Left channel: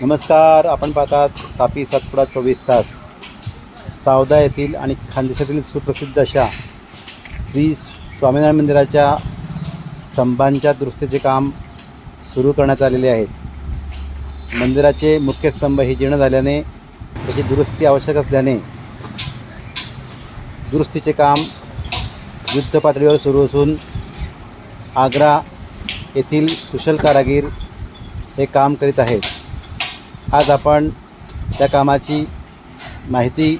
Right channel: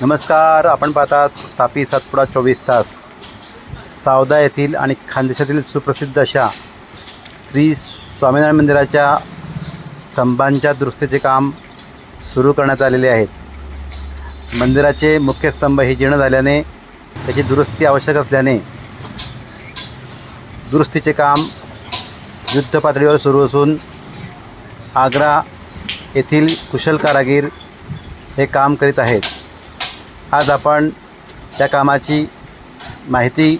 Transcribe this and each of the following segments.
नमस्कार आपण पाहतात तापी सातपुडा चोवीस तास. सावदा येथील आणि खानदेशातील सुप्रसिद्ध अशा श्री स्वामीनारायण मंदिराच्या स्तंभांच्या दुरुस्तीचे काम सुरू करण्यात आलेले आहेत मंदिराचे मुख्य स्तंभ हे जीर्ण झाल्याने त्याची दुरुस्ती आवश्यक असल्याने दुरुस्तीचे काम युद्ध पातळीवर सुरू असून आग्रा येथील कुशल कारागीर हे काम करीत आहेत. आज आपण त्या कामाची माहिती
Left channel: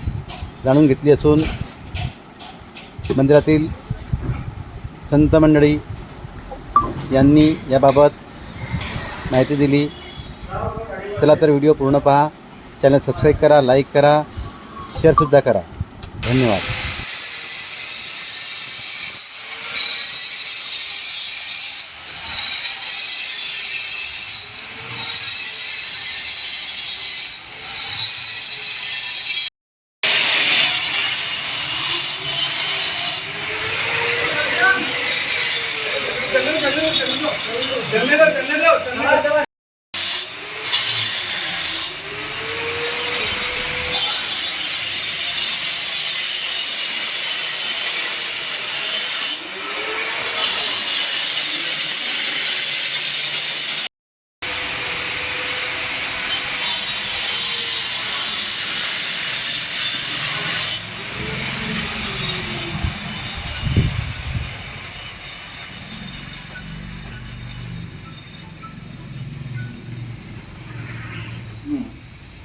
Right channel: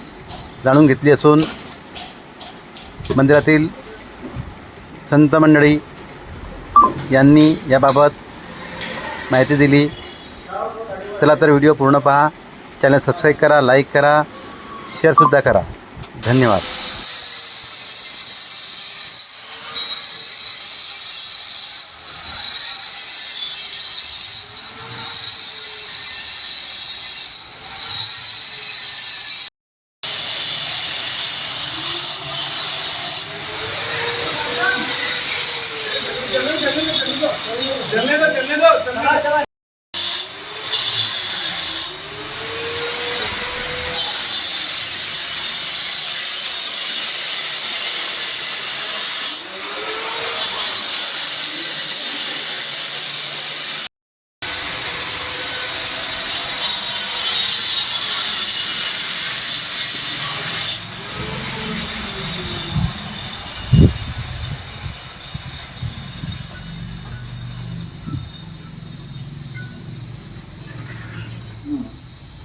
जाणून घेतली असून मंदिरातील संत मंडळी यांनी याबाबत माहिती दिली. चला तर व्हिडिओ पूर्ण पहा. चॅनल सबस्क्राईब करा लाईक करा शेअरसुद्धा करा. धन्यवाद.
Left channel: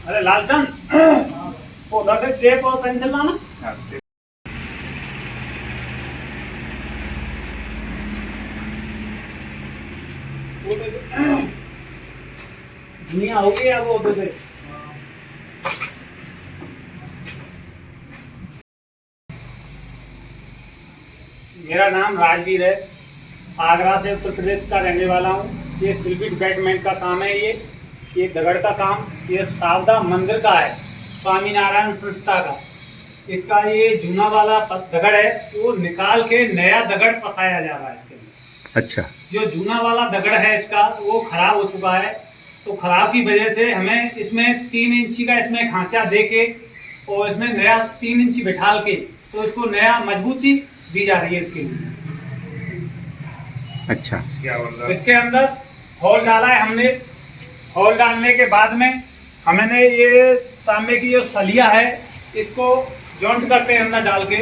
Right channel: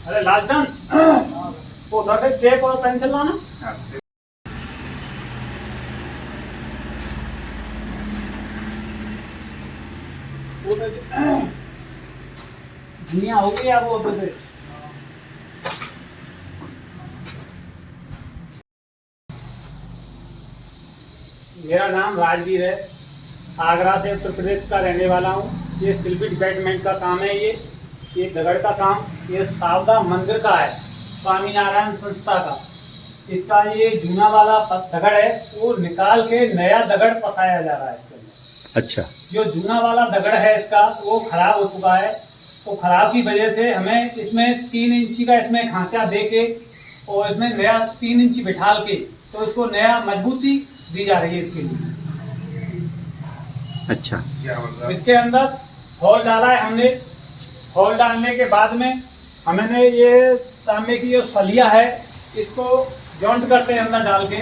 अरे लालचंद। वो से टेप और पेंसिल लाना तो- वो उधर से। मेरा नाम राजवीर है। आगरा से उत्तर प्रदेश का रहने वाला हूँ। ये शिल्पी डिपार्टमेंट का काम है ये। ये दगड़ का काम ये सावदा मंदिर का है स्वामीनारायण संस्था का। इसका ये जूना वाला दगड़ है वो निकाल के नया दगड़ पसाया जा रहा है इसके अंदर। अच्छा। जो जूना वाला दगड़ है इसका वो खराब हो चुका है तो खराब की वजह से हमें इसमें तीन इंची का इसमें खांचा दे के और इसमें नया तीन इंची बिठाल के तो इसको नया मजबूती दी जा रही है इसके लिए। अच्छा। इसके अंदर हॉल डाला है हमने हॉल डालने के बाद में हमने ये तांबे की जो सलिया है इसको जॉइंट करते हैं अंदर डाल के।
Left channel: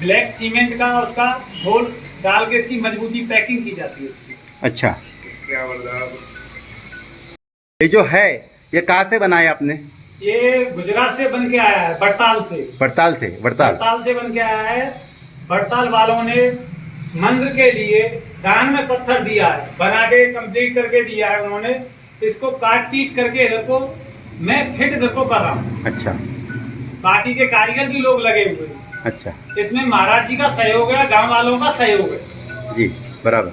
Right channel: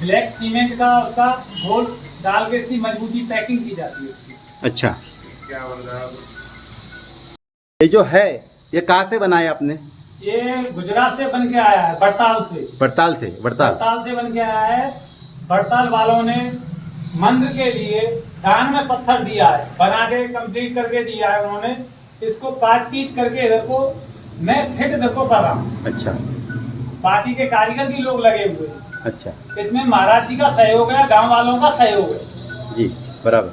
ब्लैक सीमेंट का उसका घोल डाल के इसकी मजबूती पैकिंग की जाती है इसकी। अच्छा। ये जो है ये कहाँ से बनाया आपने? ये गुजरात से बन के आया है बड़ताल से। बड़ताल से वड़ताल बड़ताल से बन के आया है। बड़ताल वालों ने मंदिर के लिए दान में पत्थर दिया है बना के कंप्लीट करके दिया है उन्होंने। इसको काट पीट करके इधर को मैं फिट इधर को कर रहा हूँ। अच्छा। बाकी के कारीगर भी लोग लगे हुए अच्छा। इसमें महाराज जी का सहयोग है गांव वालों का सहयोग है। जी बराबर।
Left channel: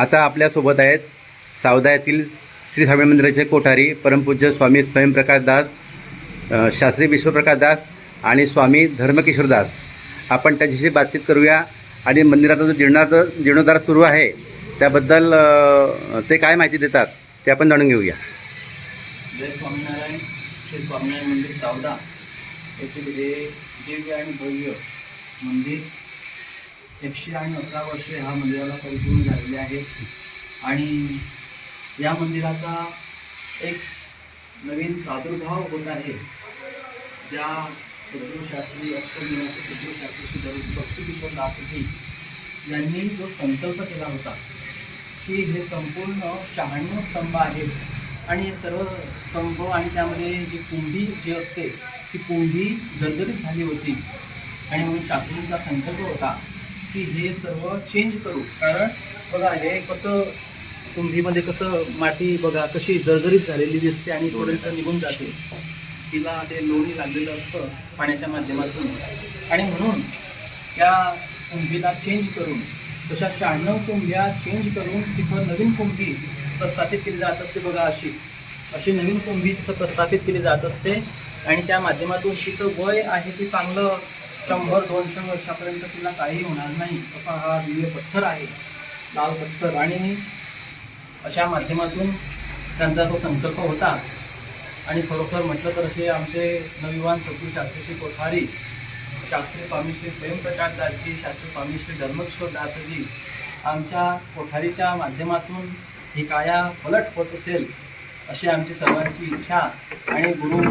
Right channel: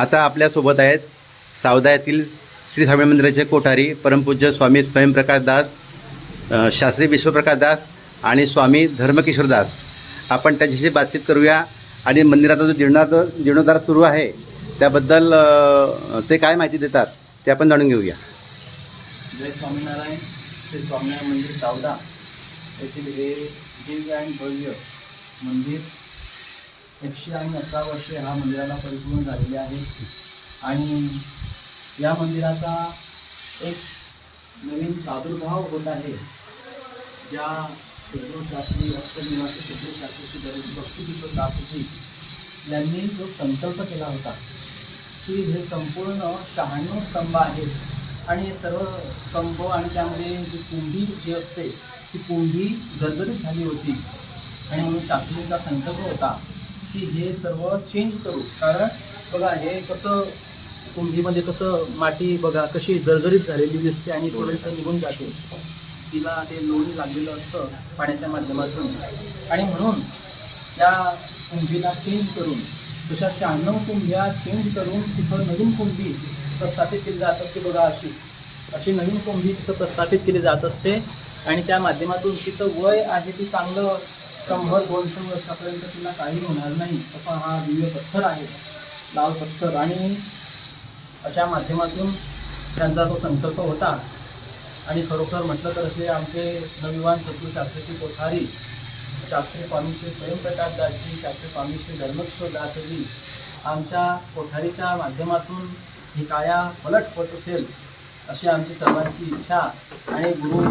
आता आपल्यासोबत आहेत सावदा येथील श्री स्वामी मंदिराचे कोठारी परमपूज्य स्वामी स्वयंप्रकाश दास शास्त्री विश्वप्रकाश दास आणि स्वामी धर्मकिशोर दास. आपण त्यांच्याशी बातचीत करूया आणि मंदिराचा जो जीर्णोद्धार जीर्णोद्धार सुरू आहे त्याबद्दल ते काय माहिती देतात ते आपण जाणून घेऊया. जय स्वामीनारायण. श्री स्वामीनारायण मंदिर चावदा येथील हे दिव्य आणि भव्य मंदिर एकशे आणि अकरा वर्षे ह्या मंदिराला परिपूर्ण झालेले आहे. आणि या मंदिराचा एक नवीन प्रादुर्भाव होत आहे. ज्या शत्रुशास्त्री अक्षरनिवासी सद्गुरुशास्त्री श्री दर- दासजी यांनी जो संकल्प केला होता की हे संपूर्ण शहाण्णव स्तंभ आहेत. आणि हे सर्व स्तंभ आणि त्यामध्ये जी कुंभी जी असते ती कुंभी जर्जरित झाली होती. आणि म्हणून शास्त्रींचा संकल्प होता की हे सर्व चेंज करू. कारण बघा हे कसं कुंभीमध्ये कसं माती बघा कशी जर्जरित झालेली दिसते आणि थोडंसं निघून जाते. तिला ते लोणी लागलेलं असतं पाण्याच्या माध्यमातून. आणि म्हणून त्या कुंभीला चेंज करून तशा शहाण्णव कुंभ्या चेंज करून तिथं नवीन कुंभी प्रस्थापित केली जात असते बघा अशी. अशी नवीन कुंभी तिथं प्रस्थापित केली जात असते. आणि त्या माध्यमातून तिचं वय आहे ते चांगलं शंभर दोनशे वर्षापर्यंत तिला काही होणार नाही असा हा दिव्य पत्थर आहे. लाल पत्थर. आणि अशा माध्यमातून त्यांचा तो संकल्प होता. आणि खरोखर म्हटलं तर असे आमचे नवयुवान सद्गुरू शास्त्रीची कोठारी शास्त्री स्वामी श्री स्वयंप्रकाश दासजी शास्त्री स्वामी श्री धर्मकिशोर दासजी आमच्या कोठारीच्या माध्यमातून ही काया पलट होत असेल अशी आमची सर्वांची इच्छा आणि गुरु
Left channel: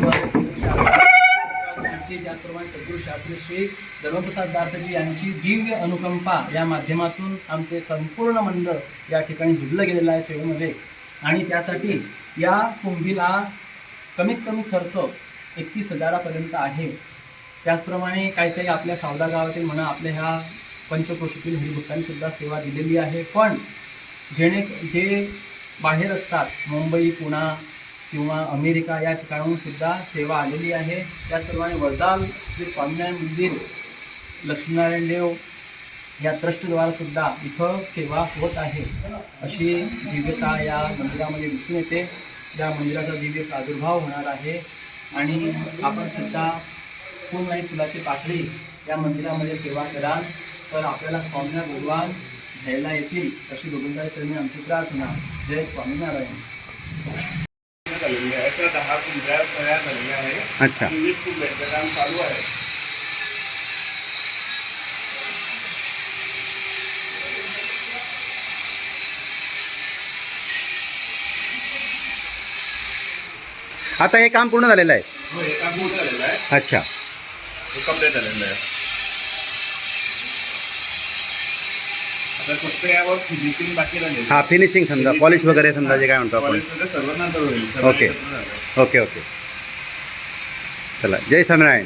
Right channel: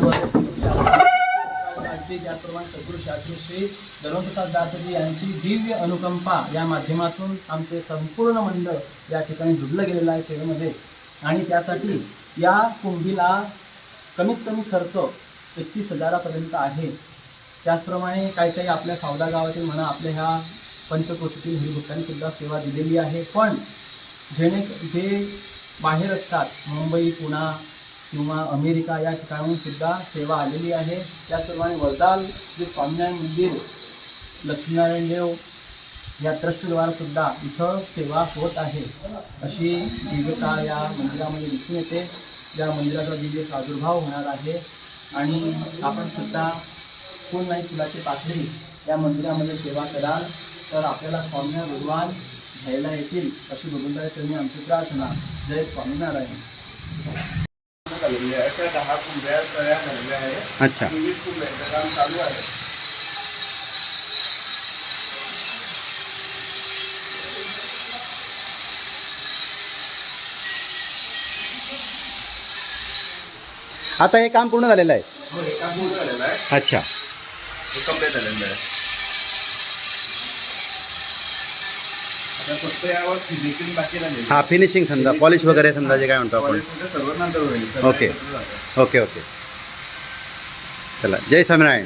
शास्त्री त्याचप्रमाणे सद्गुरू शास्त्री श्री धर्मप्रसाद दासजी यांची दिव्य अनुकंपा या माध्यमातून आमचे संपूर्ण मंडळ या ठिकाणी जुडलं गेलेलं आहे सेवेमध्ये. आणि त्यासाठी या कुंभीला कमीत कमी खर्च एकतीस हजारापर्यंत आहे. त्याचप्रमाणे काहीतरी आपल्या सावदा गावातील म्हणा आपल्या ह्या पंचकोशीतील हरिभक्तांनी सेवा दिलेली आहे. पण जेणे जे बाहेर असतात मुंबई पुणा किंवा अमेरिका या ठिकाणाहून सुद्धा सेवा आलेली आहे. त्याचप्रमाणे वरदाल जे स्वामीनारायण मंदिर लक्ष्मीनारायण देव या ट्रस्टद्वारासुद्धा इथं सेवा होत आहे. अशी दिव्यता या मंदिरामध्ये दिसून येते. या मंदिराचा दिव्य प्रादुर्भाव होणार आहे आणि आपण सुद्धा फुल नाही? फुलाची पाकळी या मंदिरामध्ये सेवा कराल तर आपल्याला स्वामीनारायण भगवान घ्यायला येतील अशी गोविंदाचरणी आमची प्रार्थना. जय स्वामीनारायण. आहे त्या दहा कुंभ्या तयार झालेल्या आहे अच्छा. आणि वीस कुंभ्यांचं काम चालू आहे आता हे काम पूर्ण झालेलं आहे? हो हे काम पूर्ण झालेलं आहे. अच्छा. हे कंप्लीट झालेलं आहे आता फक्त यावर फिनिशिंग बाकी राहिलेली हा फिनिशिंग समजा पॉलिश वगैरे समजा जे काय म्हणतो आपण. Polish वगैरे सर्व नंतर होईल. सगळं ओके. एकत्र झालं. ओके ओके चला जय स्वामीनारायण.